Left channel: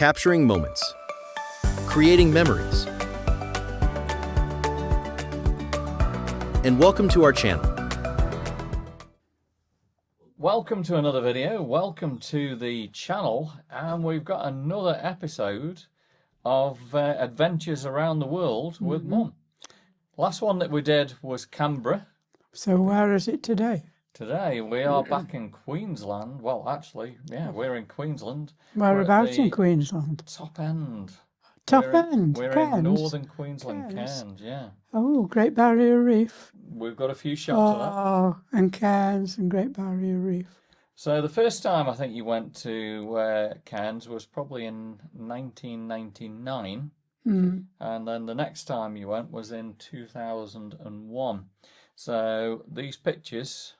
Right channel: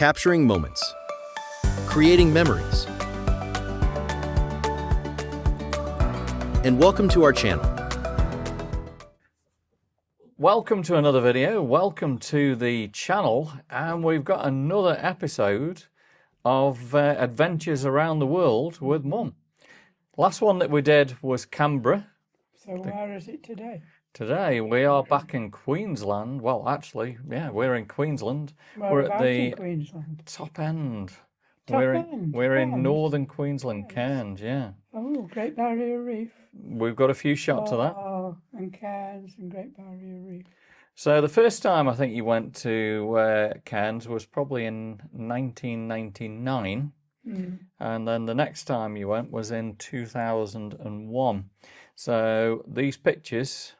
capturing moments, creating memories. And welcome to our channel. Welcome to another video. Welcome to the channel, and we've got another episode of Adventures Around the World with Mum. Last one that we did was Canberra. So where is it today? Today we are back in Queensland. Well, actually, yeah, we're in Queensland. Whereabouts in Queensland? Top end. Top we're end? We're Cairns? in northern Queensland, Cairns. Cairns, yeah. Oh, Great Barrier Reef. We've got a few shots of that. Oh, and Cairns and Great Barrier Reef. So the first time I think you went to Cairns was probably in 1999. And then the next time you went was in 2001. So these pictures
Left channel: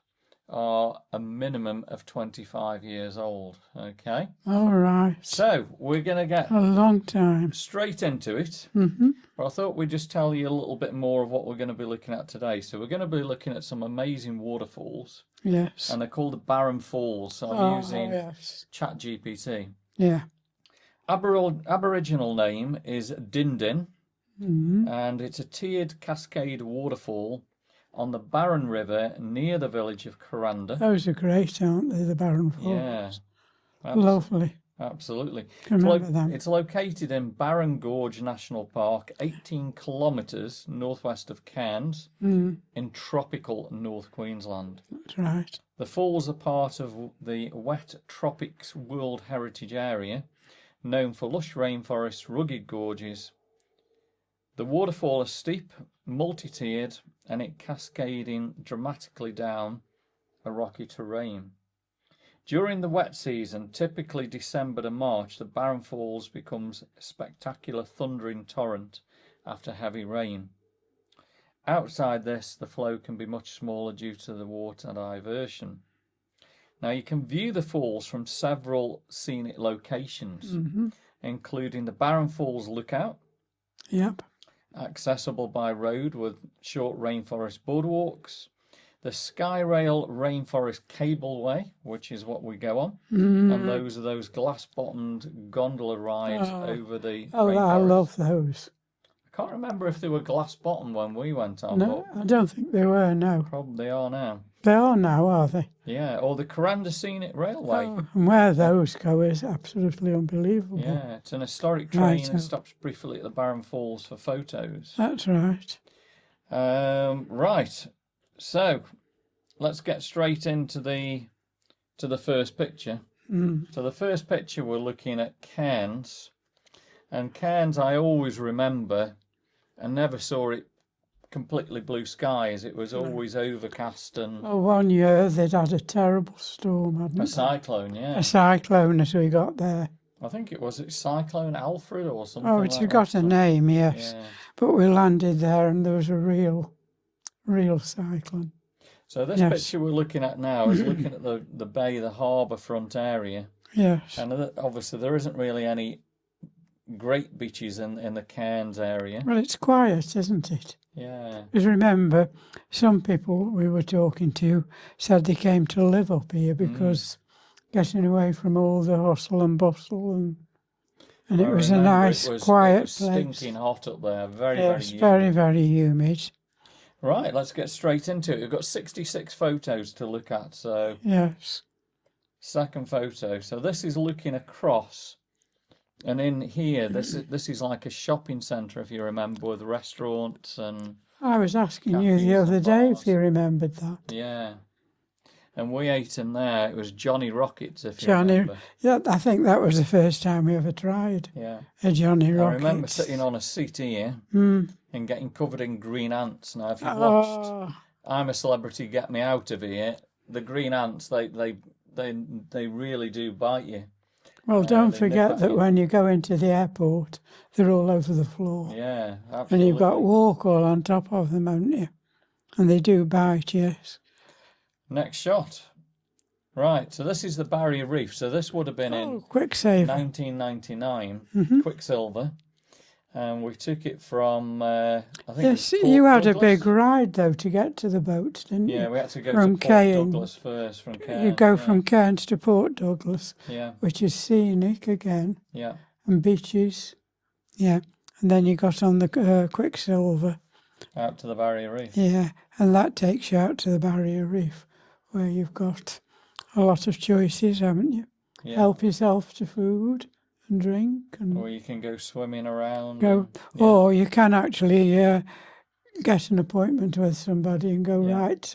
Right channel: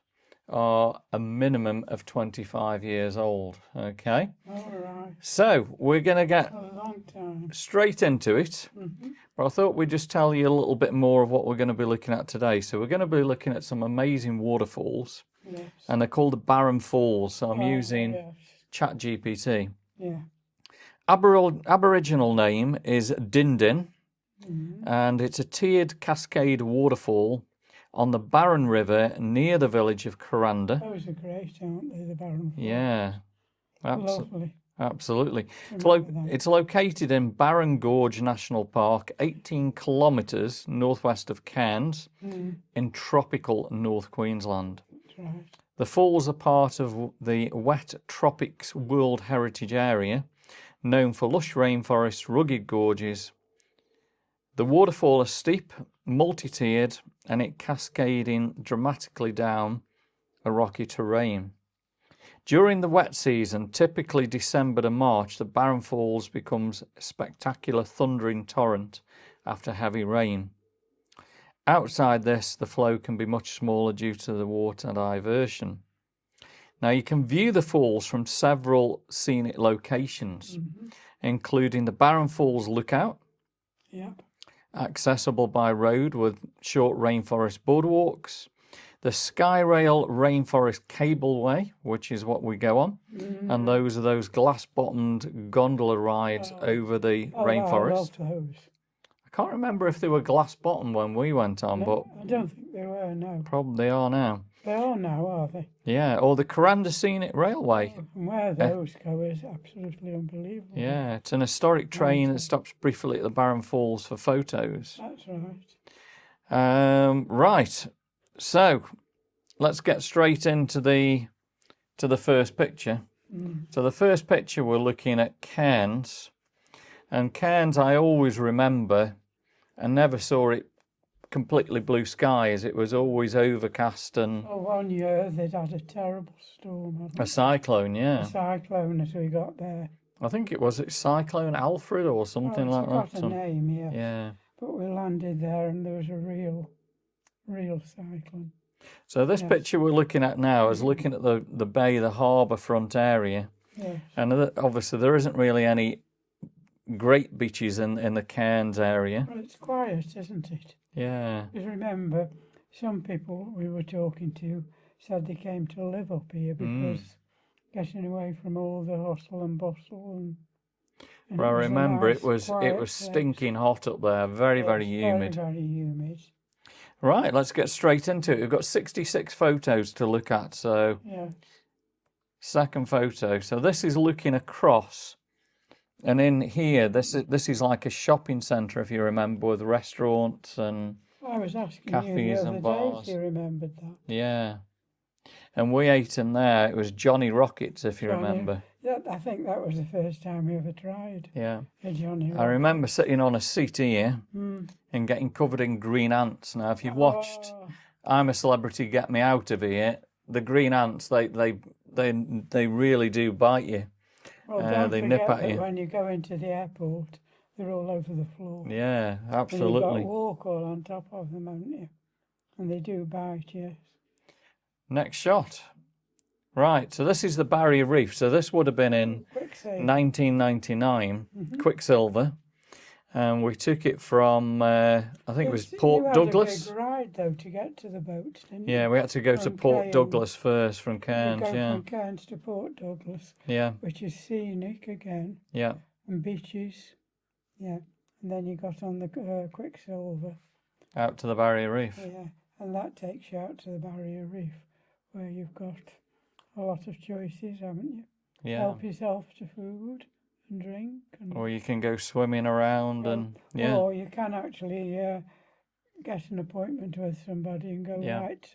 are a minimum of 25 years old, okay? All right. So we're going to get A long time. straight into it. But I thought we'd just tell you a little bit more of what we're going to be looking at today. So we're going to be looking at some amazing waterfalls. Yes. And they're called the Barron Falls. So I'm using ChatGPT. Yeah. Aboriginal name is Dindin, and it's a tiered cascade waterfall on the Barron River near the village of Kuranda. Those are great, aren't they, the Barron Falls? Yeah. Lovely. Absolutely. Them. It's located in Barron Gorge National Park, 18 kilometres northwest of Cairns, in tropical North Queensland. That's right. The falls are part of the Wet Tropics World Heritage Area, known for lush rainforests, rugged gorges. The waterfall is steep, multi-tiered, and it cascading dramatically down a rocky terrain. During the wet season, typically December to March, the Barron Falls becomes a spectacular thundering torrent after heavy rain. Outside this, the flow can be much smaller due to the water diversion. Now, you can view the falls from several scenic locations, including the Barron Falls Lookout, accessible by road with short rainforest boardwalks, the Skyrail Rainforest Cableway, which is what we go on, and those are those glass-bottomed gondola rides over the rainforest. I love those. I can't remember if they were glass-bottomed when we went on, No, I don't think they were, no. Probably they are now. They are now, are they? Yeah, or the Kuranda Scenic Railway. Oh, and where those go is absolutely unbelievable. Yeah, it's an historic train that stops briefly at the Barron Falls for photos. That's right. Right, so let's get straight into the first picture. So the first picture we're looking at Cairns, and Cairns I always remember, and never saw it completely blue skies. It was always overcast and... Oh, 1 year they'd had a terrible storm, hadn't they? A cyclone, yeah. A cyclone as we got there. I think it was Cyclone Alfred or something like that. Oh, it's got a name, yes. Yeah. But we landed there and there was a real cyclone. So this picture we're looking at now is looking at the bay, the harbour front area. Yes. And obviously there isn't really any great beaches in the Cairns area. Well, it's quiet, isn't it? Yeah. Because remember, some people we were talking to said they came to live up here because getting away from all the hustle and bustle and well, it was a nice, quiet it was stinking hot up there, very humid. Very, very humid. Right, let's get straight into it. We've got 66 photos to look at, so... Yes. Second photo. So this is looking across, and in here, this is like a shopping centre, if you remember, with restaurants and I was asking you the other day if you remembered that. Yeah. And we ate in there. It was Johnny Rockets, if you remember. Yeah, I think that was the first time we ever tried. Yeah. A Johnny Rockets. I remember sitting on a seat here and getting covered in green ants. Now, if you've watched I'm a Celebrity, Get Me Out of Here, the green ants, they really do bite you. Well, don't forget that when you go into the airport, they're all over the floor. Yeah, absolutely. And you've got walk all on top of them, haven't you? And they do bite, yes. Next shot. Right, so this is the Barrier Reef. So this would have been in Quicksilver. 1999, Quicksilver. And we took it from, I think it was Port you had Douglas. a big ride, though, to get to the boats, didn't you? Yeah, we had to go to Port Douglas first from Cairns. You go from Cairns to Port Douglas, yeah, which is scenic again. Yeah. and beaches. Yeah, and then you got on the Quicksilver. Out to the Barrier Reef. Yeah, and that takes you out to the Barrier Reef, where you've got a lot of choices, haven't you? Yeah. Help yourself to food and drink, and Or you can go swimming around. go. And, yeah. Or you can actually get an appointment with somebody and go Yeah. right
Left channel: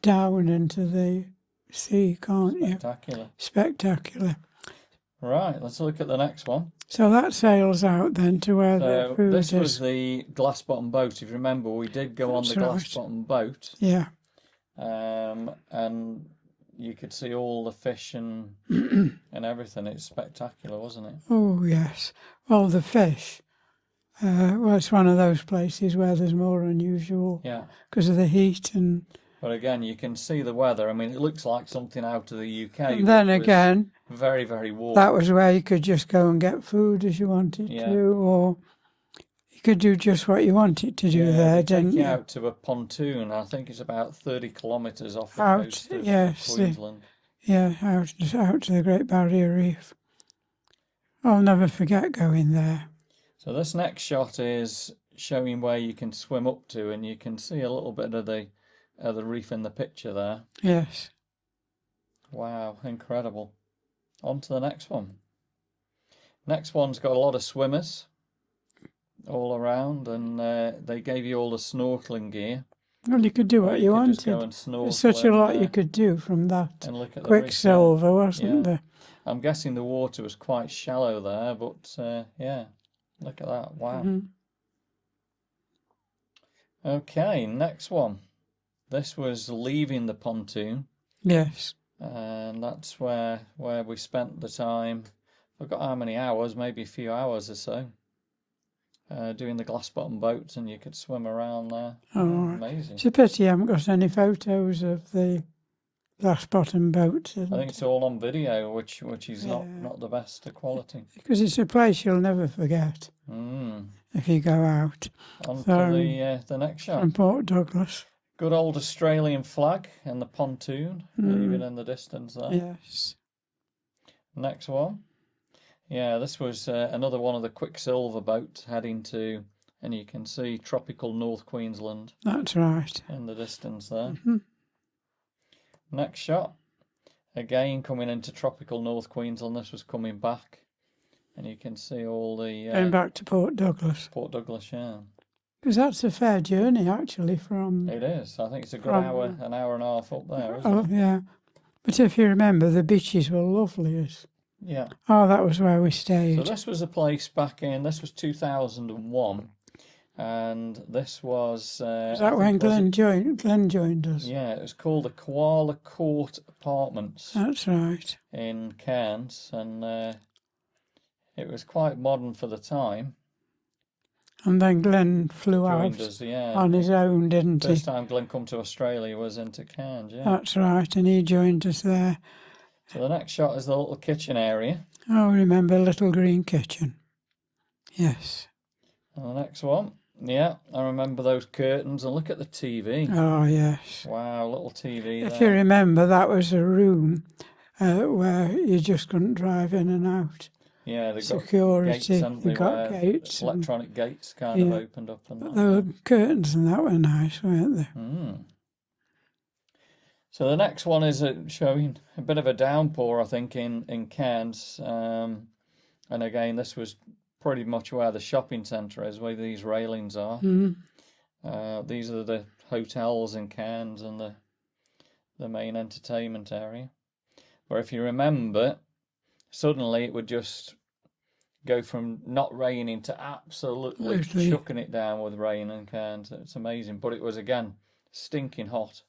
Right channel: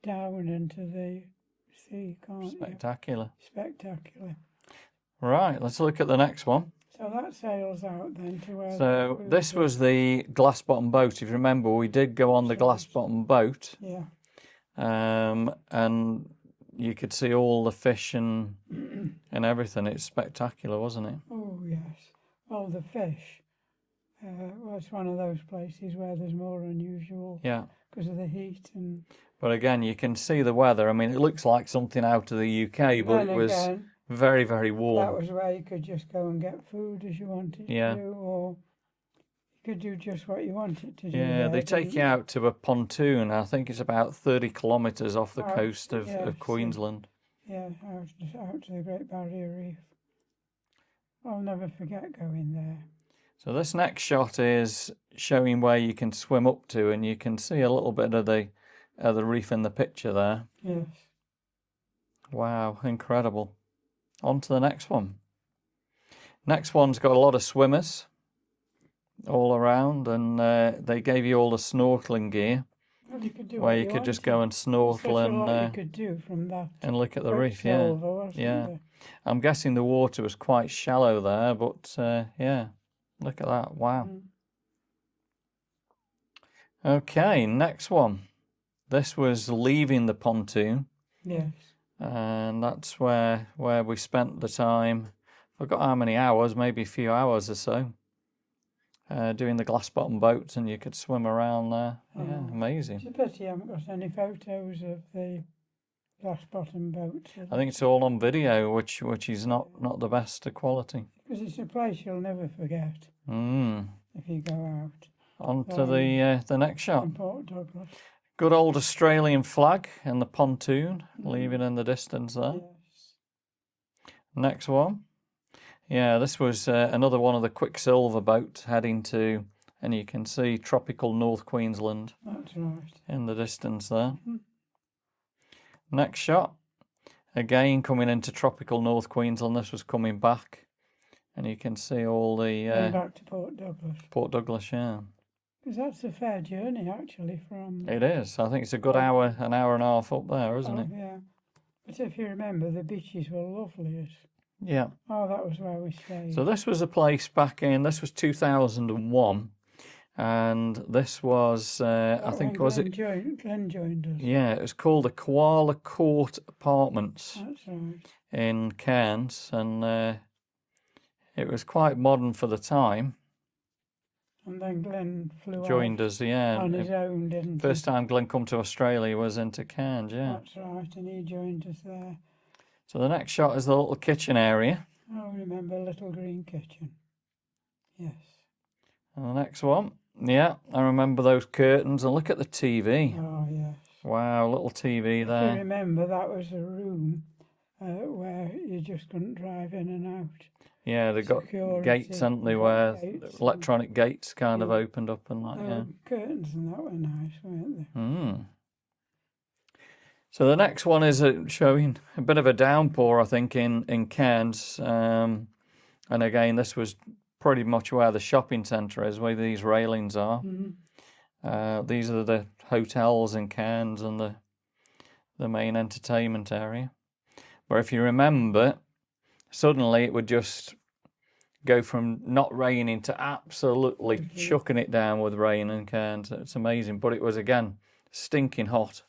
down into the sea, can't you? Spectacular. Spectacular. Right, let's look at the next one. So that sails out then to where the So food this is. was the glass bottom boat. If you remember, we did go on the That's glass right. bottom boat, Yeah. and you could see all the fish and and everything. It's spectacular, wasn't it? Oh, yes. Well, the fish, well, it's one of those places where there's more unusual Yeah. because of the heat. And But again, you can see the weather. I mean, it looks like something out of the UK. and but then it was again, very, very warm. that was where you could just go and get food as you wanted Yeah. to, or you could do just what you wanted to do Yeah, there, they take didn't you out to a pontoon. I think it's about 30 kilometres off the Out, coast of yes, Queensland. Yeah, out to the Great Barrier Reef. I'll never forget going there. So this next shot is showing where you can swim up to, and you can see a little bit of the reef in the picture there. Yes. Wow, incredible. On to the next one. Next one's got a lot of swimmers all around, and they gave you all the snorkeling gear. Well, you could do where what you you could wanted. just go and snorkel. There's such a lot you and, could do from that and look at the reef. Quicksilver, wasn't Yeah. there? I'm guessing the water was quite shallow there, but yeah, look at that. Wow. Mhm. Okay, next one. This was leaving the pontoon, Yes. and that's where we spent the time. I forgot how many hours, maybe a few hours or so, doing the glass bottom boats, and you could swim around there. Oh, Yeah, amazing. It's a pity I haven't got any photos of the glass bottom boat. I think it's all on video, which is Yeah. not the best quality. Because it's a place you'll never forget if you go out. On So, to the next shot. from Port Douglas. Good old Australian flag and the pontoon leaving in the distance there. Yes. Next one. Yeah, this was another one of the Quicksilver boats heading to, and you can see tropical North Queensland That's right. in the distance there. Mhm. Next shot. Again coming into tropical North Queensland. This was coming back, and you can see all the Going back to Port Douglas. Port Douglas, yeah. Because that's a fair journey, actually, from... It is. I think it's a good From- hour and a half up there, isn't Oh, it? yeah. But if you remember, the beaches were lovely. Yeah. Oh, that was where we stayed. So this was a place back in, this was 2001, and this was, Is I that when think, was it? Glenn joined us? Yeah, it was called the Koala Court Apartments That's right. in Cairns, and it was quite modern for the time. And then Glenn flew Joined out us, yeah. on his own, didn't he? First time Glenn come to Australia was into Cairns, yeah. That's right, and he joined us there. So the next shot is the little kitchen area. Oh, remember Little Green Kitchen? Yes. And the next one, yeah, I remember those curtains, and look at the TV. Oh, yes. Wow, little TV If there. you remember, that was a room where you just couldn't drive in and out. Yeah, they've got Security, gates, haven't they, you've got where gates and- electronic gates kind of Yeah. opened up and that. There Yeah. were curtains and that were nice, weren't they? So the next one is showing a bit of a downpour, I think, in Cairns. And again, this was pretty much where the shopping centre is, where these railings are. These are the hotels in Cairns and the main entertainment area. Where if you remember, suddenly it would just go from not raining to absolutely Absolutely. chucking it down with rain in Cairns. It's amazing. But it was, again, stinking hot.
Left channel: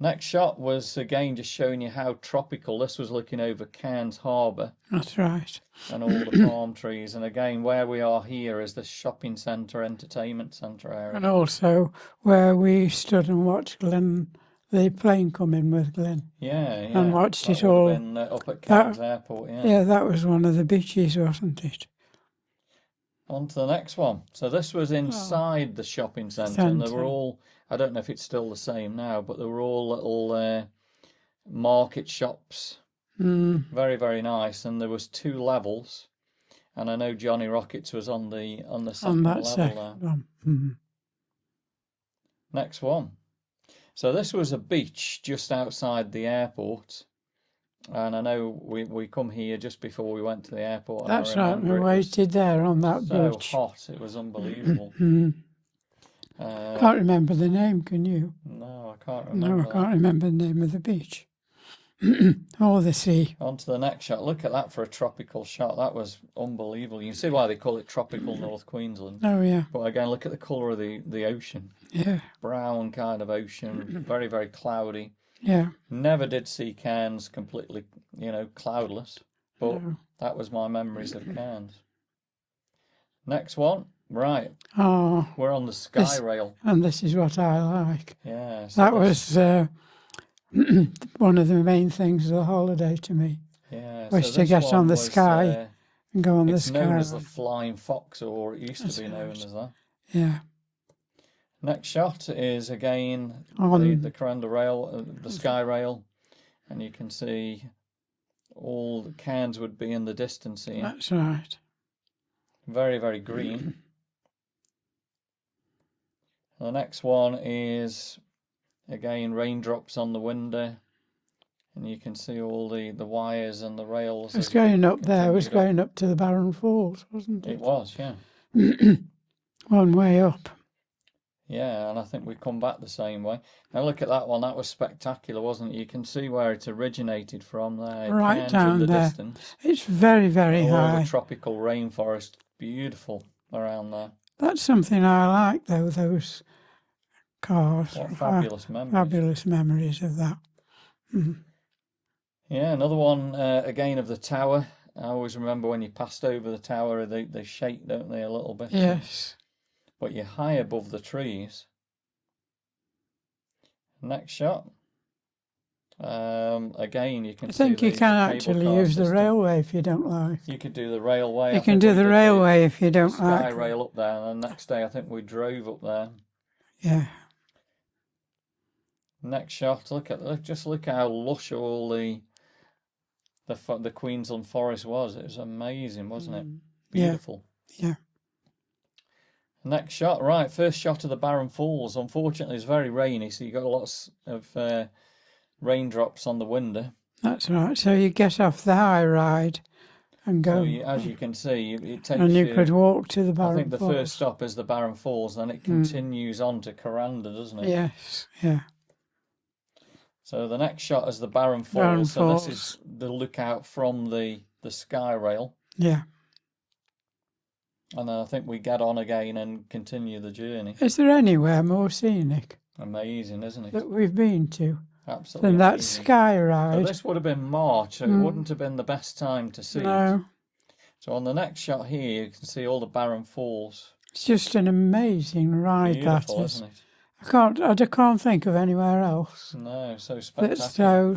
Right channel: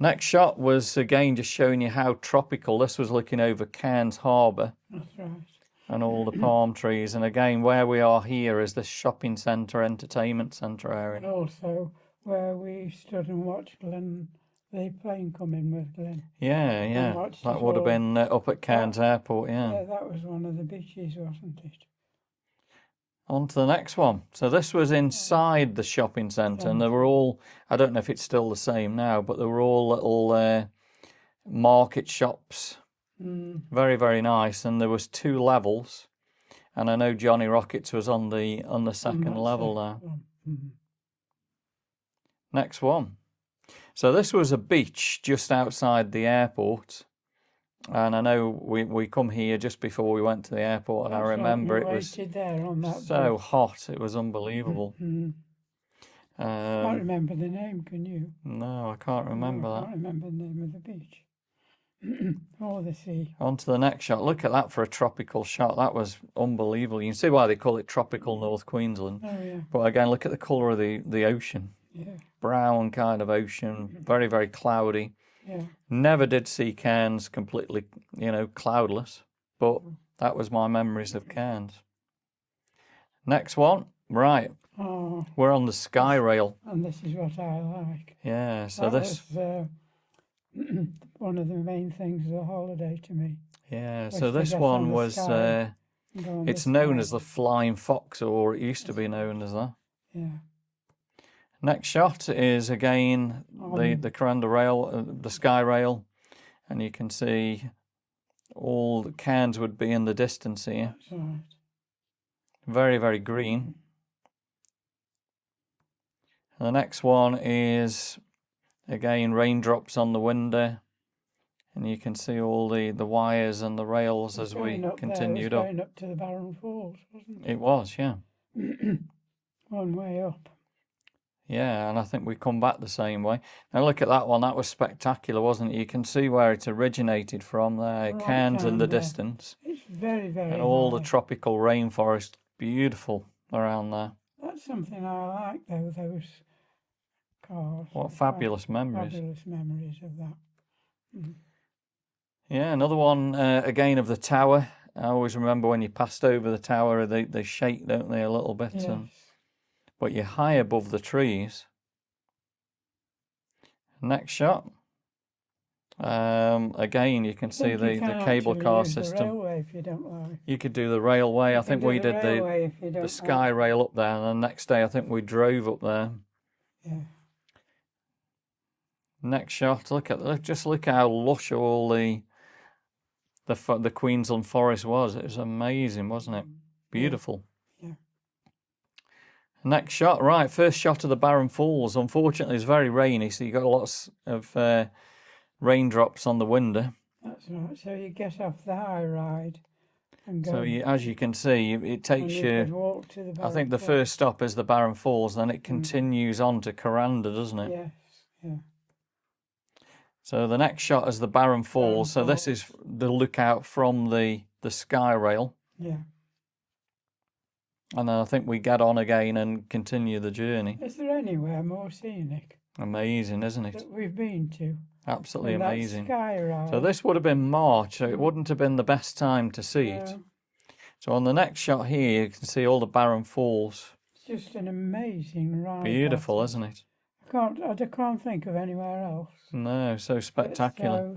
Next shot was, again, just showing you how tropical. This was looking over Cairns Harbour That's right. and all the palm trees. And again, where we are here is the shopping centre, entertainment centre area. And also where we stood and watched Glenn, the plane come in with Glenn. Yeah, yeah. And watched that it would all. have been up at Cairns Airport, yeah. Yeah, that was one of the beaches, wasn't it? On to the next one. So this was inside the shopping centre, and there were all, I don't know if it's still the same now, but there were all little market shops Very, very nice. And there was 2 levels. And I know Johnny Rockets was on the second that level second there. one. Next one. So this was a beach just outside the airport. And I know we come here just before we went to the airport. And That's I right. remember We it was waited there on that so beach. hot. It was unbelievable. Can't remember the name, can you? No, I can't remember No, I that. can't remember the name of the beach. Or the sea. On to the next shot. Look at that for a tropical shot. That was unbelievable. You can see why they call it tropical North Queensland. Oh, yeah. But again, look at the colour of the ocean. Yeah. Brown kind of ocean. Very, very cloudy. Yeah. Never did see Cairns completely, cloudless. But that was my memories of Cairns. Next one. Right. Oh. We're on the Sky Rail. And this is what I like. Yeah. So That was one of the main things of the holiday to me. Yeah. Was So to this get one on the was, sky and go on the it's sky. known as the Flying Fox, or it used to be known as that. Yeah. Next shot is again the Coranda Rail, the Sky Rail, and you can see all the Cairns would be in the distance here. That's right. Very, very green. And the next one is again raindrops on the window, and you can see all the wires and the rails. It was going up there. It was going up to the Barron Falls, wasn't it? It was, yeah. One way up. Yeah, and I think we come back the same way. Now look at that one. That was spectacular, wasn't it? You can see where it originated from there. Right Cairns down in the there. distance. It's very, very All high. the tropical rainforest, beautiful around there. That's something I like, though, those cars. What fabulous memories. Fabulous memories of that. Yeah, another one, again, of the tower. I always remember when you passed over the tower, they shake, don't they, a little bit? Yes. But you're high above the trees. Next shot. Again, you can see the cable car use system. the railway if you don't like. You could do the railway. You can do the railway if you don't the Sky like. Rail up there, and the next day I think we drove up there. Yeah. Next shot. Just look how lush all the Queensland forest was. It was amazing, wasn't it? Beautiful. Yeah. Next shot, right, first shot of the Barron Falls. Unfortunately, it's very rainy, so you got lots of raindrops on the window. That's right. So you get off the high ride and go. So as you can see, it takes and you you. could walk to the Barron I think the Falls. first stop is the Barron Falls, then it continues on to Coranda, doesn't it? Yes. Yeah. So the next shot is the Barron Falls. So this is the lookout from the Sky Rail. Yeah. And then I think we get on again and continue the journey. Is there anywhere more scenic Amazing, isn't it? that we've been to Absolutely than that amazing. sky ride? So this would have been March, so it wouldn't have been the best time to see it. No. So on the next shot here, you can see all the Barron Falls. It's just an amazing ride. Beautiful, that is. isn't it? I can't think of anywhere else. No, so That's spectacular. so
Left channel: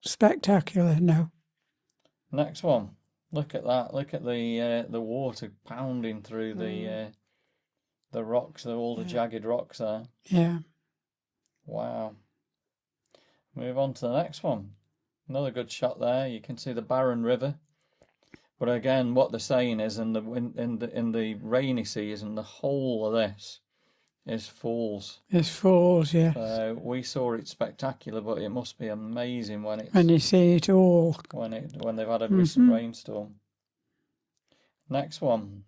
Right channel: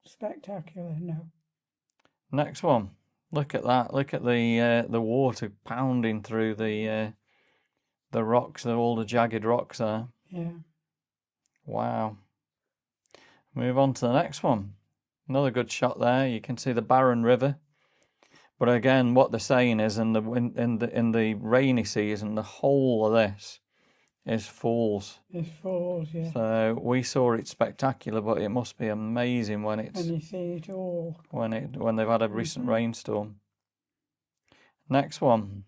spectacular. No. Next one. Look at that. Look at the water pounding through the rocks, all the jagged rocks there. Yeah. Wow. Move on to the next one. Another good shot there. You can see the Barron River. But again, what they're saying is in the rainy season, the whole of this is falls. It's falls, yeah. So we saw it spectacular, but it must be amazing when it's When you see it all. when they've had a recent rainstorm. Next one.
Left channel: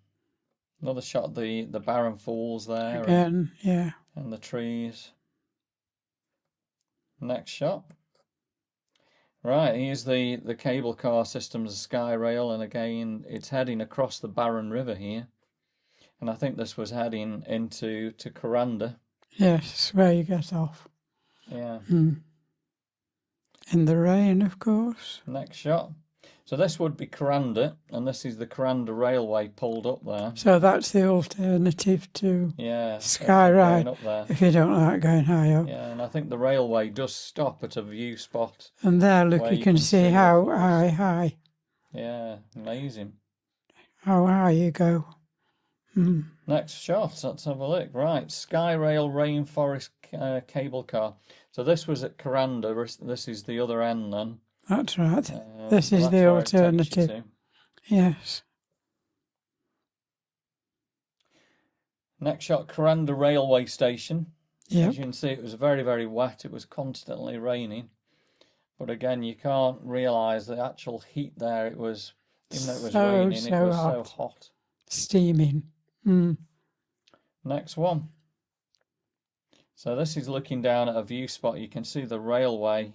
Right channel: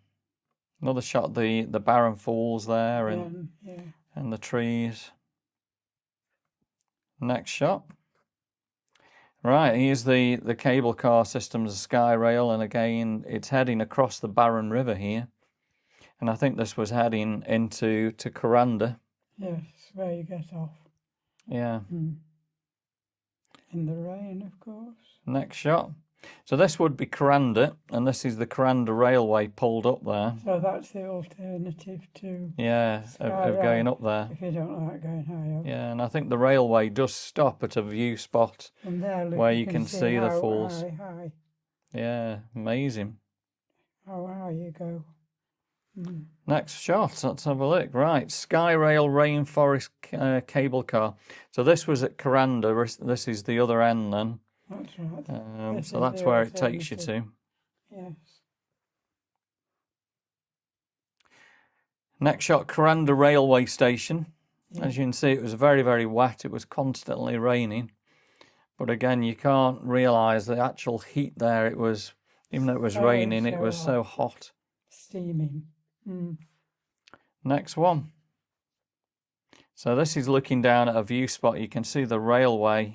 Another shot of the Barron Falls there Again, yeah. and the trees. Next shot. Right, here's the cable car system's Sky Rail, and again it's heading across the Barron River here. And I think this was heading to Coranda. Yes, where you get off. Yeah. In the rain, of course. Next shot. So this would be Coranda, and this is the Coranda Railway pulled up there. So that's the alternative to Sky of Rail, going up there. if you don't like going high up. Yeah, and I think the railway does stop at a view spot. And there, look, where you can see the how falls. high Yeah, amazing. you go. Next shot, let's have a look. Right, Sky Rail Rainforest cable car. So this was at Coranda. This is the other end then. That's right. This So is that's the where it takes you alternative. to. Yes. Next shot, Coranda railway station. Yep. As you can see, it was very, very wet. It was constantly raining. But again, you can't realise the actual heat there. It was, even though it was raining, it was so hot. Steaming. Next one. So this is looking down at a view spot. You can see the railway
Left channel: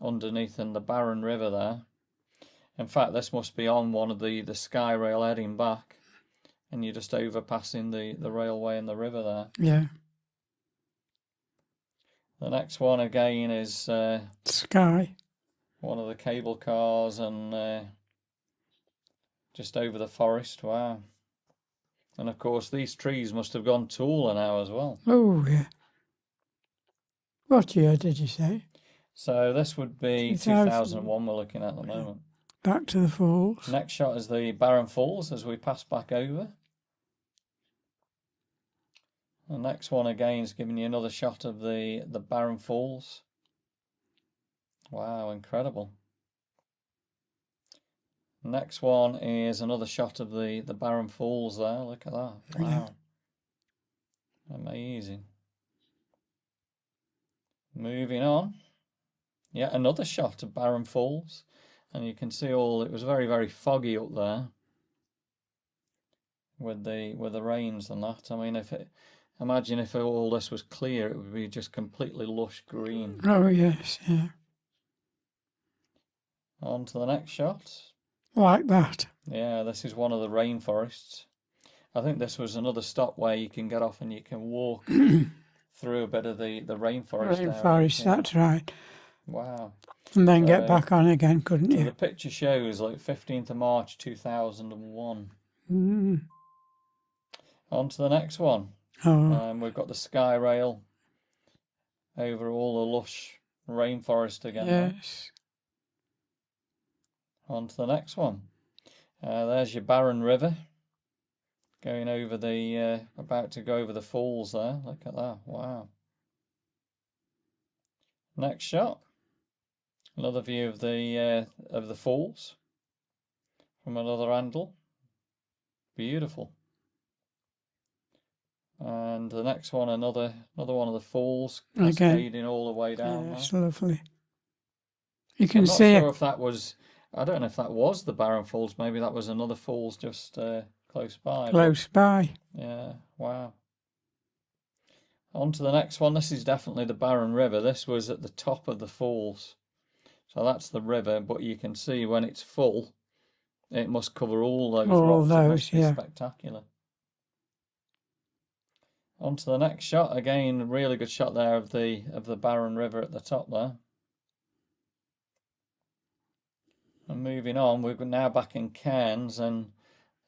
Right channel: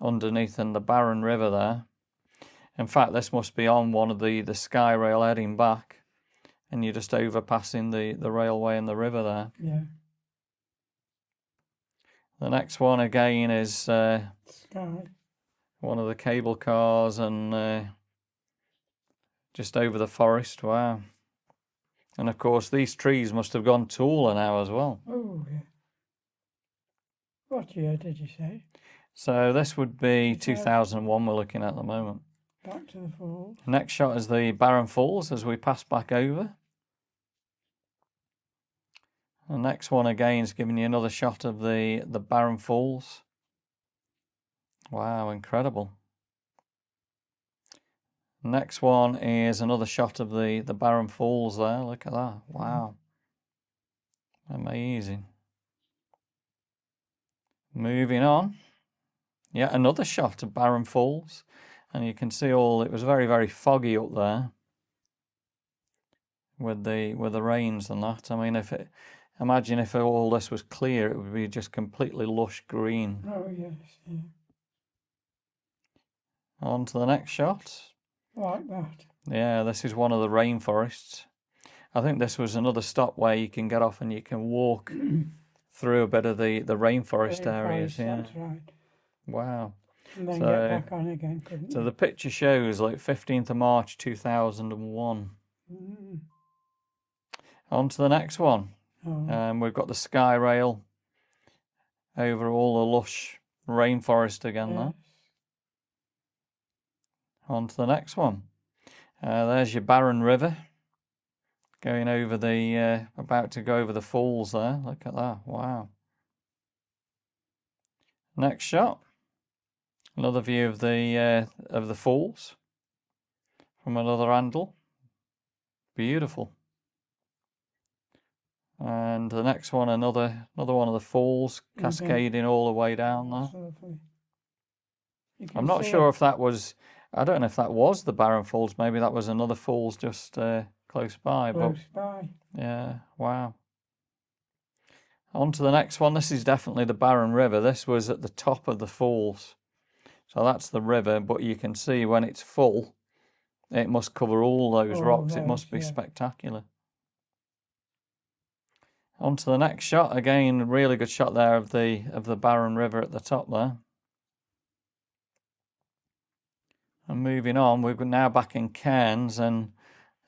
underneath and the Barron River there. In fact, this must be on one of the Sky Rail heading back. And you're just overpassing the railway and the river there. Yeah. The next one again is Sky. one of the cable cars and just over the forest. Wow. And of course, these trees must have gone taller now as well. Oh, yeah. What year did you say? So this would be 2000. 2001 we're looking at the moment. Back to the falls. Next shot is the Barron Falls as we pass back over. The next one again is giving you another shot of the Barron Falls. Wow, incredible. Next one is another shot of the Barron Falls there. Look at that. Wow. Amazing. Moving on. Yeah, another shot of Barron Falls. And you can see it was very, very foggy up there with the rains and that. I mean, imagine if all this was clear, it would be just completely lush green. Oh, yes, yeah. On to the next shot. Like that. Yeah, this is one of the rainforests. I think this was another stop where you can get off and you can walk through a bit of the rainforest area. Rainforest, that's right. Wow. And then get back on again, couldn't you? So the picture shows like 15th of March 2001. On to the next one. We've got the Sky Rail over all the lush rainforest again. Yes. On to the next one. There's your Barron River going over about to go over the falls there. Look at that. Wow. Next shot. Another view of the falls from another angle. Beautiful. And the next one, another one of the falls cascading all the way down. That's lovely. You can I'm not see sure if that was, I don't know if that was the Barron Falls. Maybe that was another falls just close by. Close by. Yeah, wow. On to the next one. This is definitely the Barron River. This was at the top of the falls. So that's the river, but you can see when it's full, it must cover all those rocks. It must be spectacular. On to the next shot. Again, really good shot there of the Barron River at the top there. And moving on, we're now back in Cairns, and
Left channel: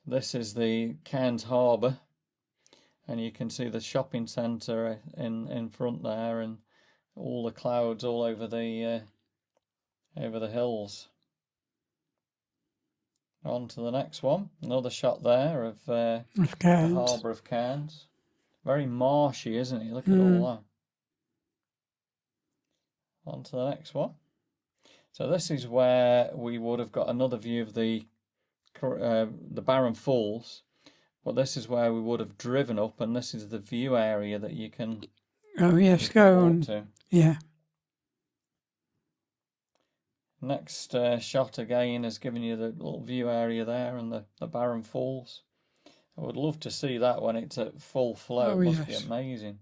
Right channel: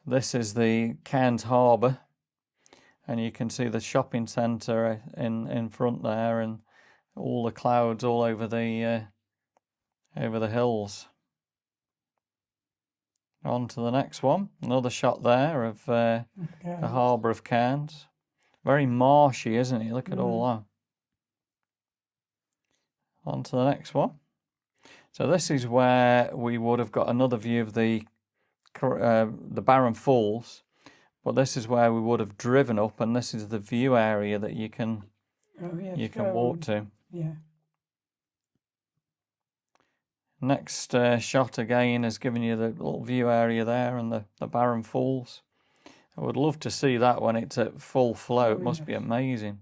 this is the Cairns Harbour. And you can see the shopping centre in front there, and all the clouds all over the hills. On to the next one. Another shot there of the harbour of Cairns. Very marshy, isn't it? Look at all that. On to the next one. So this is where we would have got another view of the Barron Falls, but this is where we would have driven up, and this is the view area that you can walk to. Yeah. Next shot again is giving you the little view area there and the Barron Falls. I would love to see that when it's at full flow. It must be amazing.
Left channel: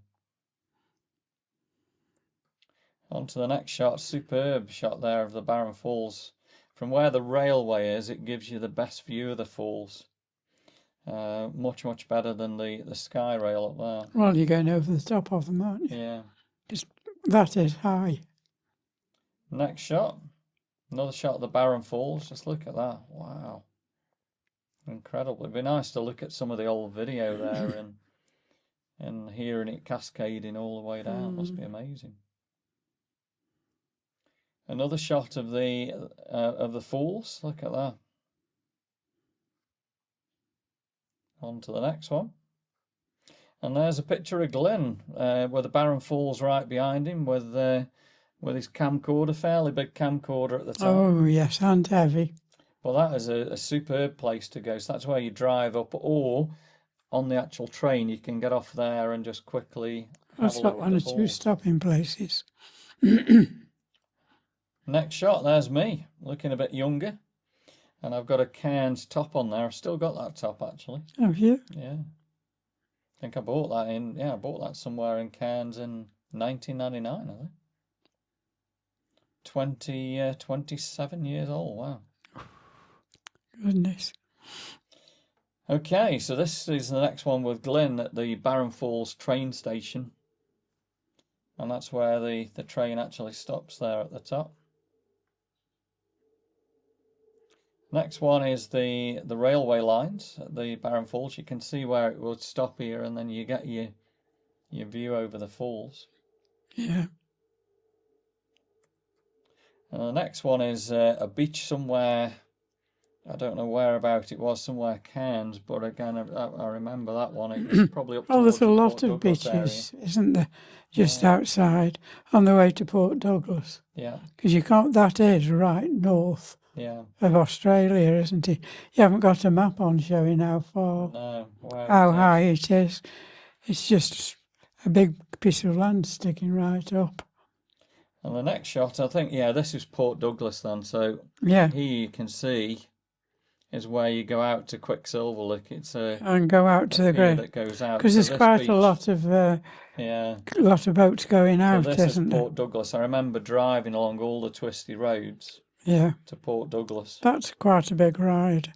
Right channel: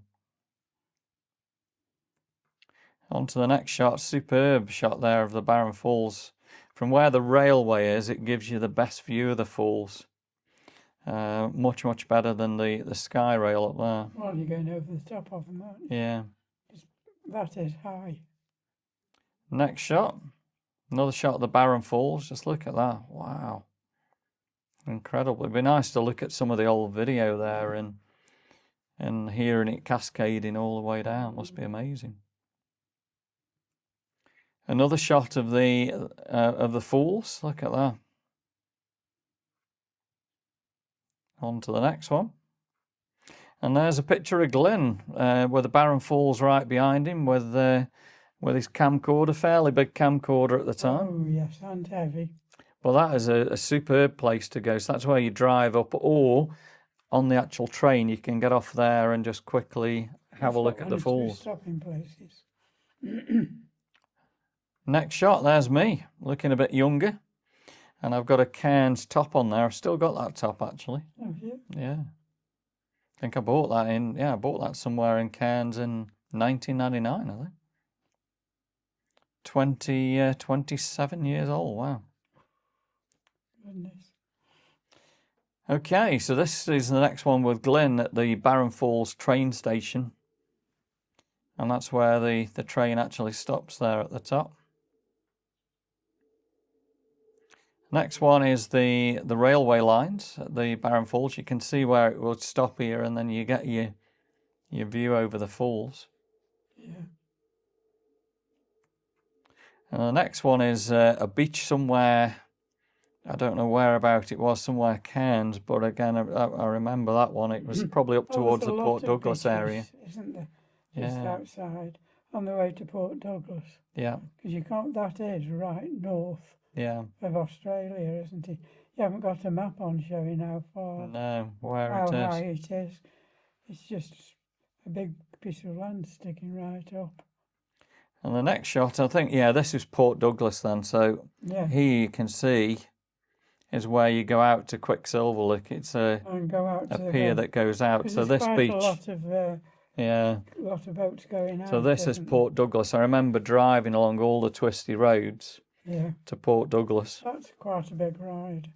On to the next shot. Superb shot there of the Barron Falls. From where the railway is, it gives you the best view of the falls. Much, much better than the Sky Rail up there. Well, you're going over the top of them, aren't you? Yeah. Just that is high. Next shot. Another shot of the Barron Falls. Just look at that. Wow. Incredible. It'd be nice to look at some of the old video there and hearing it cascading all the way down. Must be amazing. Another shot of the falls. Look at that. On to the next one. And there's a picture of Glenn with the Barron Falls right behind him with with his camcorder, fairly big camcorder at the time. Oh, yes, and heavy. Well, that is a superb place to go. So that's where you drive up, or on the actual train, you can get off there and just quickly have a look at the One or two falls. stopping places. Next shot, there's me, looking a bit younger. And I've got a Cairns top on there. I've still got that top, actually. Have you? Yeah. I think I bought that I bought that somewhere in Cairns in 1999, I think. 27 years old, wow. Goodness. Okay, so this is the next one with Glyn at the Barron Falls train station. And that's where the train actually stops there at the top. Next one is the railway lines at the Barron Falls. You can see where it would stop here, and then you get your view over the falls. Yeah. And the next one is a beach somewhere. I don't know whereabout it was, somewhere Cairns, but again, I remember that one. It was probably up towards the Port Douglas area. Isn't there? Just outside, on the way to Port Douglas. Yeah. Because you can't. That is right north of Australia, isn't it? You haven't got a map on showing how far, how high it is. It's just a big piece of land sticking right up. And the next shot, I think, this is Port Douglas then. So Yeah. here you can see is where you go out to Quicksilver. Look, it's and go out to the pier that goes out. Because there's quite a lot of lot of boats going out. So this is Port Port Douglas. I remember driving along all the twisty roads. Yeah. To Port Douglas. That's quite a big ride.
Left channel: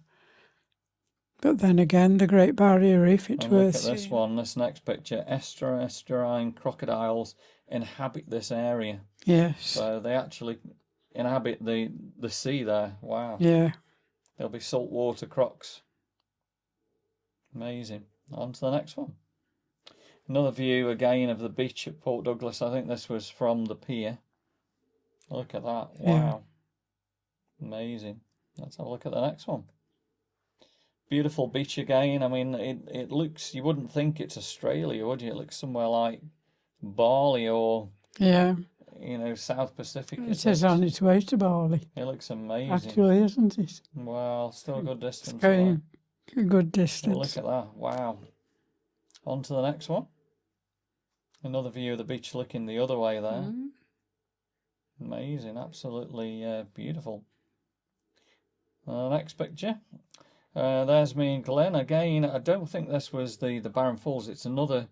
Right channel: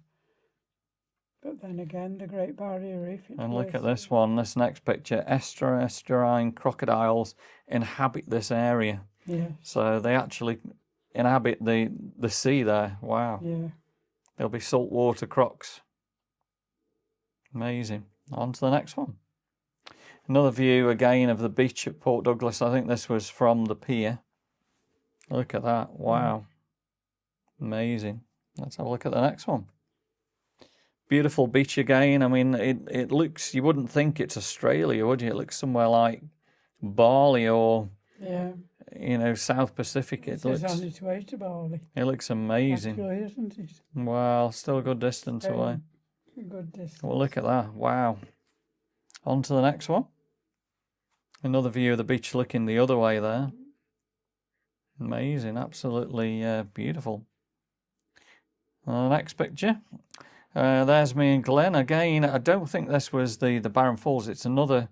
But then again, the Great Barrier Reef, it's worth look at this one, this next picture. Estuarine crocodiles inhabit this area. Yes. So they actually inhabit the sea there. Wow. Yeah. There'll be saltwater crocs. Amazing. On to the next one. Another view again of the beach at Port Douglas. I think this was from the pier. Look at that. Wow. Yeah. Amazing. Let's have a look at the next one. Beautiful beach again. I mean, it looks, you wouldn't think it's Australia, would you? It looks somewhere like Bali or, South Pacific. It says on its way to Bali. It looks amazing. Actually, isn't it? Well, still a good distance away. A good distance. Well, look at that. Wow. On to the next one. Another view of the beach looking the other way there. Amazing. Absolutely beautiful. The next picture. There's me and Glenn. Again, I don't think this was the Barron Falls. It's another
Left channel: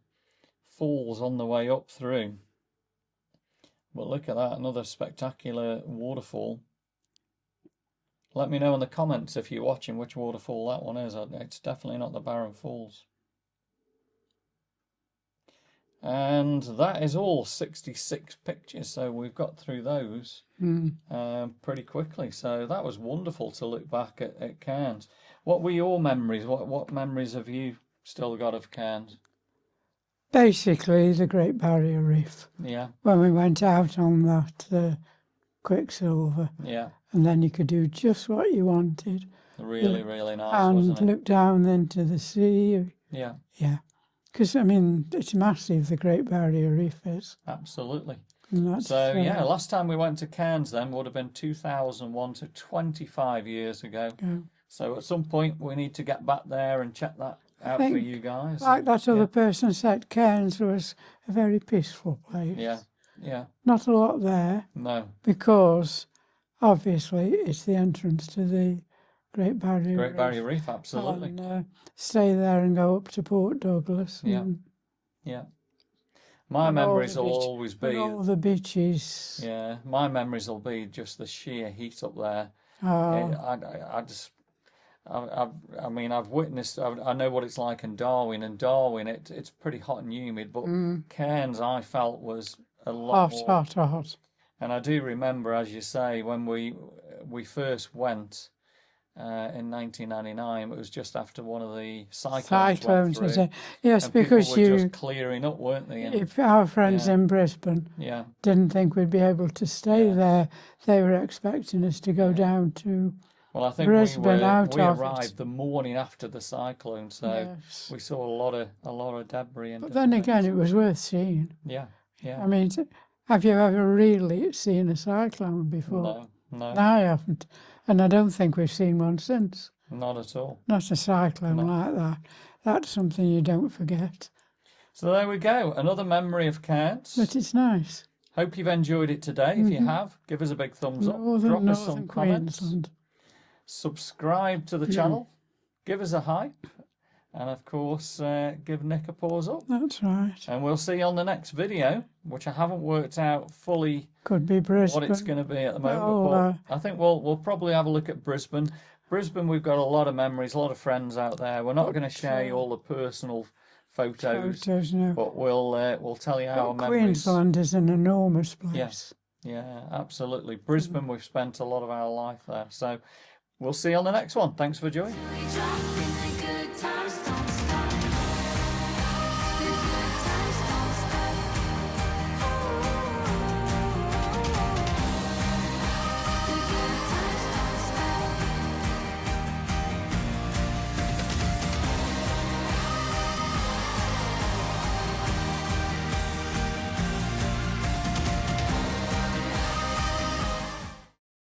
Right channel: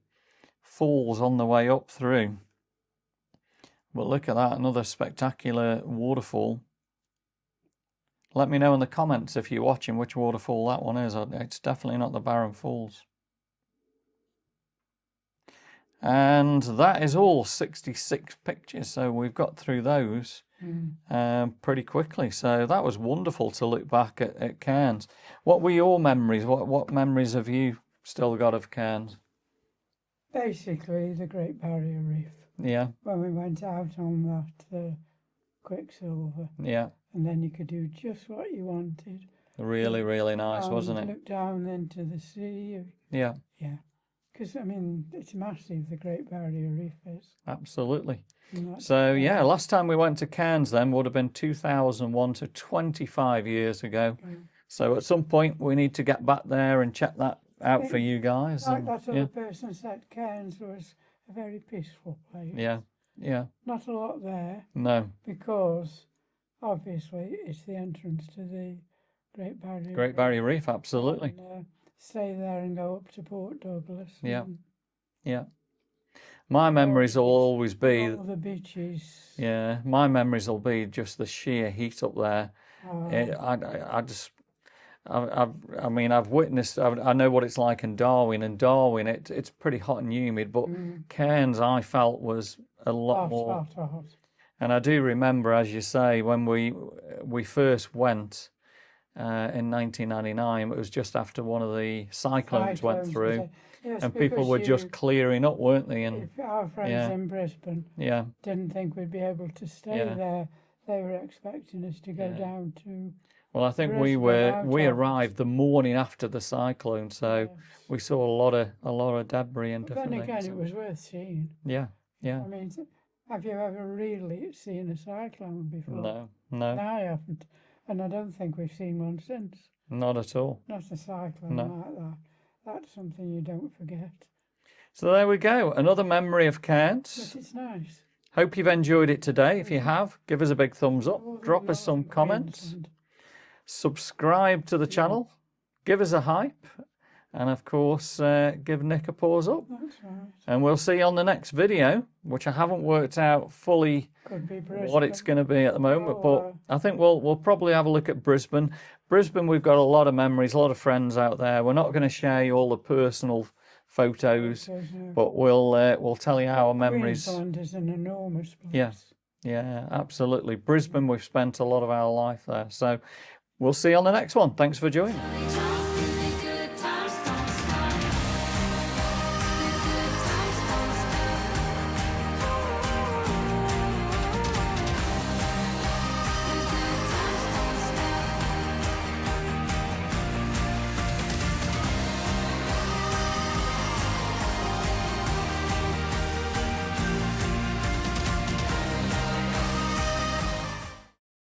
falls on the way up through. But look at that. Another spectacular waterfall. Let me know in the comments if you're watching which waterfall that one is. It's definitely not the Barron Falls. And that is all 66 pictures. So we've got through those pretty quickly. So that was wonderful to look back at Cairns. What were your memories? What memories have you still got of Cairns? Basically, the Great Barrier Reef. Yeah. When we went out on that Quicksilver. Yeah. And then you could do just what you wanted. Really, really nice, wasn't it? And look down into the sea. Yeah. Yeah. Because, I mean, it's massive, the Great Barrier Reef is. Absolutely. So, last time we went to Cairns then would have been 2001, so 25 years ago. So at some point we need to get back there and check that out for you guys. Like that other person said, Cairns was a very peaceful place. Yeah, yeah. Not a lot there. No. Because, obviously, it's the entrance to the Great Barrier Reef. Great Barrier Reef, absolutely. And, stay there and go up to Port Douglas. Yeah, yeah. My memories will always be all the beaches. Yeah, my memories will be just the sheer heat up there. I mean, I've witnessed. I know what it's like in Darwin. And Darwin, it's pretty hot and humid, but Cairns, I felt, was a lot more hot. And I do remember, as you say, when we first went. In 1999, it was just after one of the cyclones went through. Yes, and because people were just clearing up, weren't they? And, if our friends in Brisbane didn't think we'd be able to stay there, they were expecting us to go down to. Well, I think we arrived the morning after the cyclone, so we saw a lot of debris. And but then again, it was worth seeing. Yeah, yeah. I mean, Have you ever really seen a cyclone before? No, no. I haven't. And I don't think we've seen one since. Not at all. Not a cyclone No. like that. That's something you don't forget. So there we go. Another memory of Cairns. But it's nice. Hope you've enjoyed it today. If you have, give us a big thumbs up. Drop us some comments. Queensland. Subscribe to the channel. Give us a hype. And of course, give Nick a paws up. That's right. And we'll see you on the next video, which I haven't worked out fully Could be Brisbane. what it's going to be at the moment. Oh, but I think we'll probably have a look at Brisbane. Brisbane, we've got a lot of memories, a lot of friends out there. We're not going to share you all the personal photos, no. but we'll tell you our memories. Queensland is an enormous place. Yes, yeah, absolutely. Brisbane, we've spent a lot of our life there. So we'll see you on the next one. Thanks for joining.